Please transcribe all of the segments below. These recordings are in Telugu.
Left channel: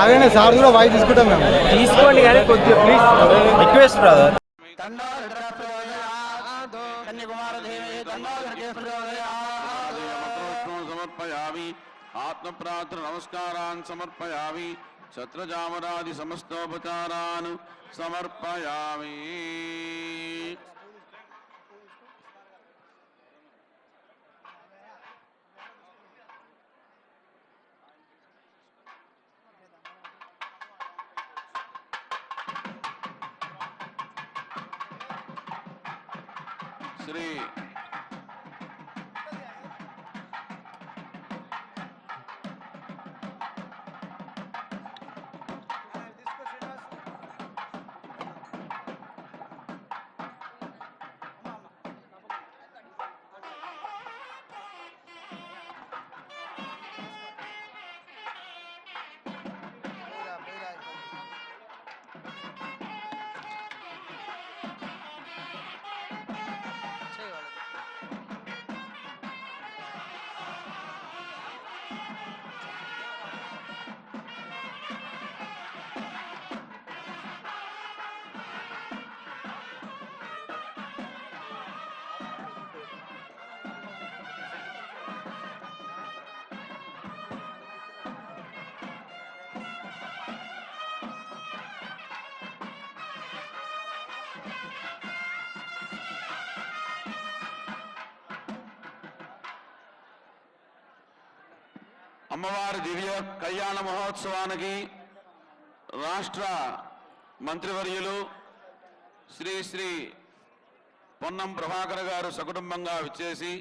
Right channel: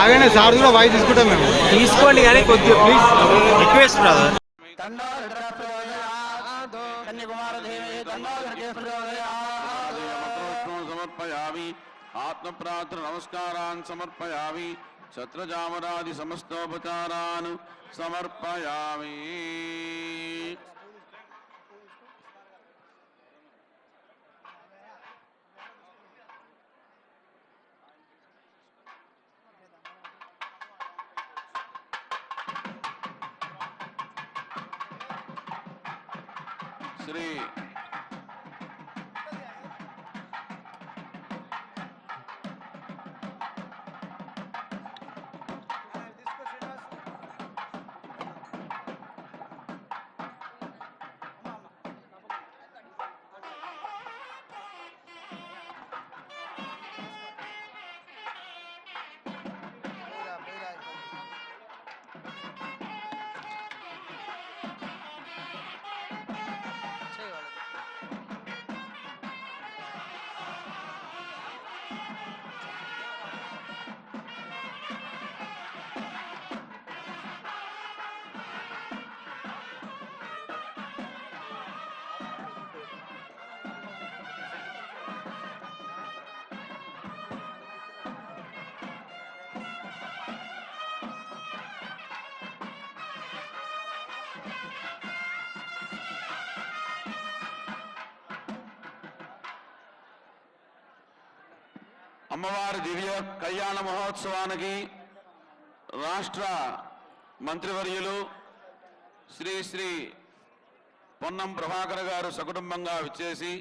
ఆగనే సార్ కూడా వాయిస్ తీసుకుంటాం మేము తీసుకోండి కానీ కొద్దిగా ప్లీజ్ రిక్వెస్ట్ బ్రదర్ సమర్పయామి ఆత్మ ప్రార్థన నమస్కారాన్ సమర్పయామి ఛత్రజామరాది సమస్తోపచారాన్ సమర్పయామి. శ్రీ అమ్మవారి దివ్య కళ్యాణ మహోత్సవానికి రాష్ట్ర మంత్రివర్యులు శ్రీ శ్రీ పొన్నం ప్రభాకర్ గారు సకుటుంబంగా విచ్చేసి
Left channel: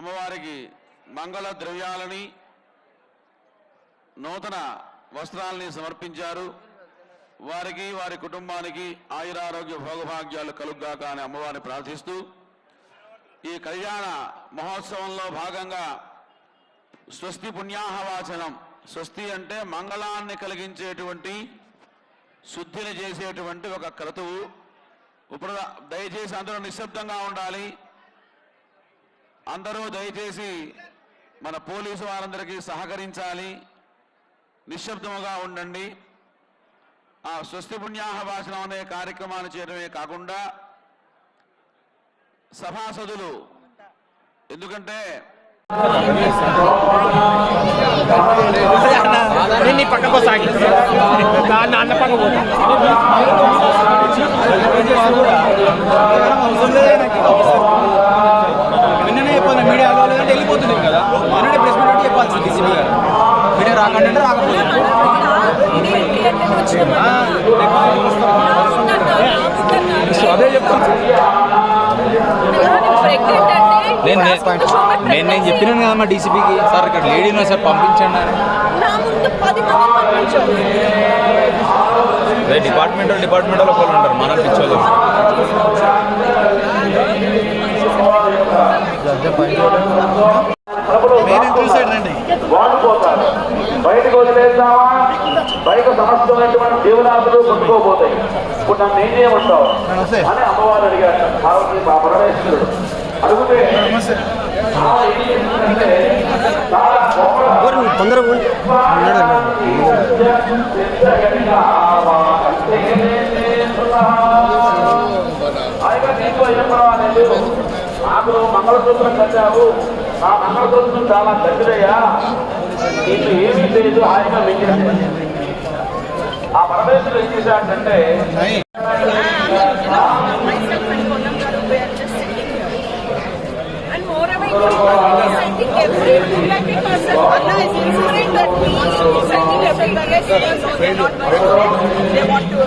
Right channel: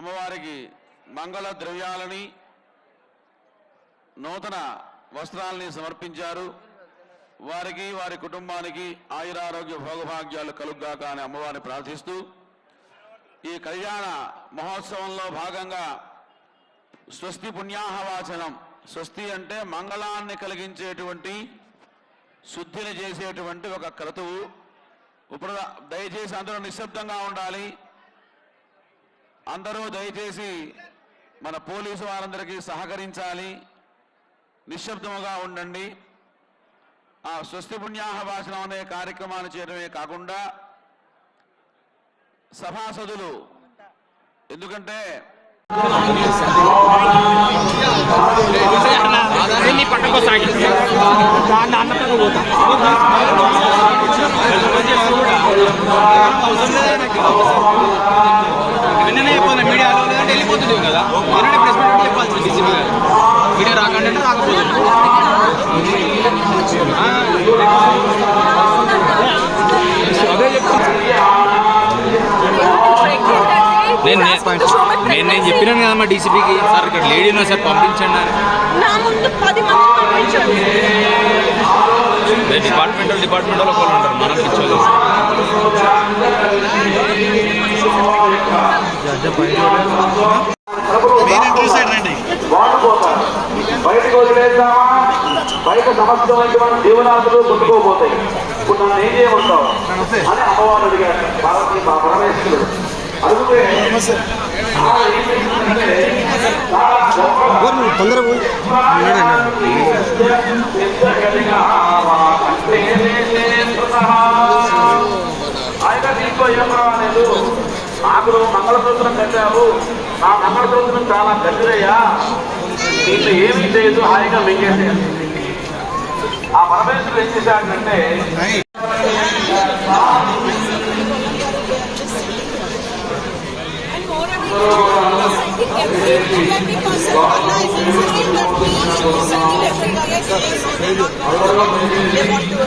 అమ్మవారికి మంగళ ద్రవ్యాలని నూతన వస్త్రాలని సమర్పించారు. వారికి వారి కుటుంబానికి ఆయురారోగ్య భోగభాగ్యాలు కలుగ్గాక అని అమ్మవారిని ప్రార్థిస్తూ ఈ కళ్యాణ మహోత్సవంలో భాగంగా స్వస్తి పుణ్యాహవాచనం. స్వస్తి అంటే మంగళాన్ని కలిగించేటువంటి శుద్ధిని చేసేటువంటి ఒక క్రతువు. ఇప్పుడు దయచేసి అందరూ నిశ్శబ్దంగా ఉండాలి. అందరూ దయచేసి మన పోలీసు వారందరికీ సహకరించాలి. నిశ్శబ్దముగా ఉండండి. ఆ స్వస్తి పుణ్యాహవాచనం అనే కార్యక్రమాన్ని చేయడమే కాకుండా సభాసదులు, ఎందుకంటే పక్కకు సాగి దాన్ని అన్న పక్క పోతా నిన్ననే చెప్పాలి మీడియాలో, లేదంటే వెళ్ళిపోతుంది కదా. నిన్ననే ప్రెస్ మీట్ చెప్పాల్సింది డీసీపీ గారు. మీడియా రాకంటే రాకపోతుంది. అదే చెప్తాను. నేను చెప్పినాను కదమ్మా డీసీపీకి, సార్ ఇక్కడ లేడీ ఉన్నా సార్ పంపించండి అని. డిపార్ట్మెంటల్ ఒకళ్ళు ఉంటారు, మనం పిచ్చోళ్ళు. వాడిపోతారు. బయటకు వదిలేద్దామా, బయట సమస్తమైనటువంటి జీవనాదులు కొట్టుకోబోతాయి. ఇప్పుడు నన్ను ఏం చేయమంటావు అని అమ్మవారు అడిగారు పార్వతీ పరమేశ్వరుడు. అడిగితే తొందరగా ఆయన దీంట్లో ఏం పర్వాలేదు, నాకు నువ్వు మంగళసూత్రం కట్టావు, నా మంగళసూత్రం చాలా గట్టిదయ్యా, దీంట్లో ఏమీ చేయదు, హాయిగా మింగేది. ఆ పరమేశ్వరుడు ఏం చేశాడంటే And moreover, every person, Allah is ensuring that we sending every day, so they know they're not going to, they want to.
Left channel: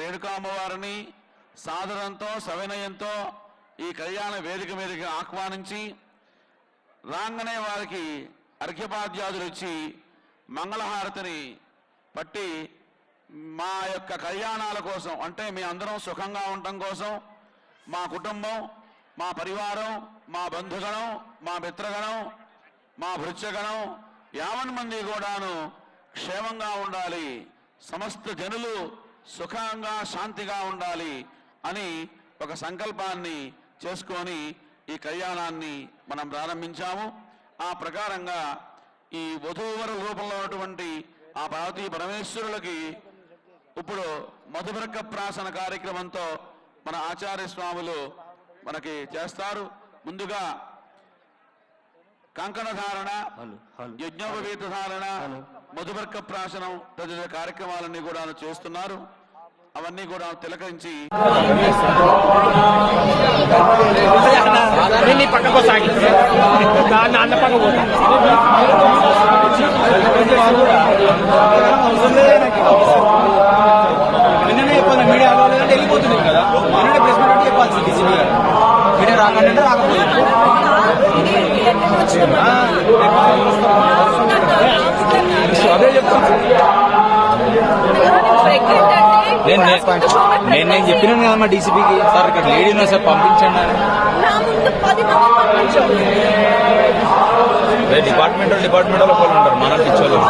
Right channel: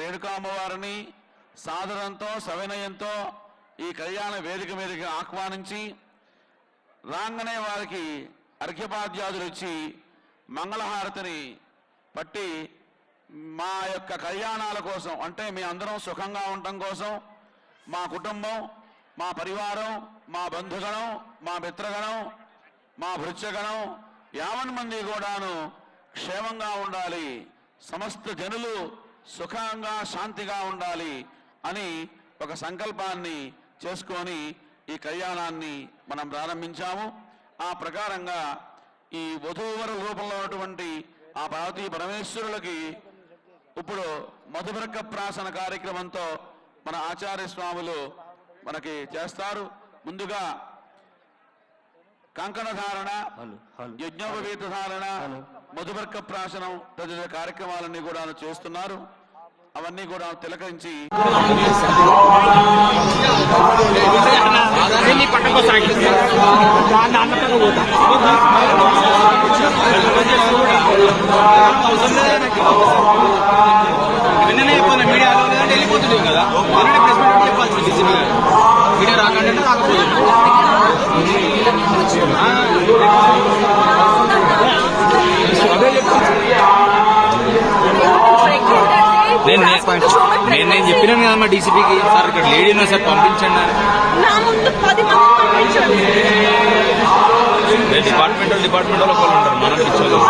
Renuka అమ్మవారిని సాదరంతో సవినయంతో ఈ కళ్యాణ వేదిక మీదకి ఆహ్వానించి రాగానే వారికి అర్ఘ్యపాద్యాదులు ఇచ్చి మంగళహారతిని పట్టి మా యొక్క కళ్యాణాల కోసం, అంటే మీ అందరం సుఖంగా ఉండటం కోసం, మా కుటుంబం, మా పరివారం, మా బంధుగణం, మా మిత్రగణం, మా భృత్యగణం యావన్ మంది కూడాను క్షేమంగా ఉండాలి, సమస్త జనులు సుఖంగా శాంతిగా ఉండాలి అని ఒక సంకల్పాన్ని చేసుకొని ఈ కళ్యాణాన్ని మనం ప్రారంభించాము. ఆ ప్రకారంగా ఈ వధూవర రూపంలో ఉన్నటువంటి ఆ పార్వతీ పరమేశ్వరులకి ఇప్పుడు మధుబర్క ప్రాసన కార్యక్రమంతో మన ఆచార్య స్వాములు మనకి చేస్తారు. ముందుగా కంకణ ధారణ, యజ్ఞోపవీత ధారణ, మధుబర్క ప్రాసనం తదితర కార్యక్రమాలన్నీ కూడా చేస్తున్నారు. అవన్నీ కూడా తిలకరించి పక్కకు సాగి దాన్ని అన్న పక్క పోతా నిన్ననే చెప్పాను మీడియాలో, లేదంటే వెళ్ళిపోతుంది కదా. నిన్ననే ప్రెస్ మీట్ పెట్టి చెప్పాల్సింది డీసీపీ గారు. మీడియా రాకంటే రాకపోయింది. అదే చెప్తాను. నేను చెప్పినాను కదమ్మా డీసీపీకి, సార్ ఇక్కడ లేడీ ఉన్నా సార్ పంపించండి. డిపార్ట్మెంటల్ ఒకళ్ళు ఉంటారు, మనం పిచ్చోళ్ళు.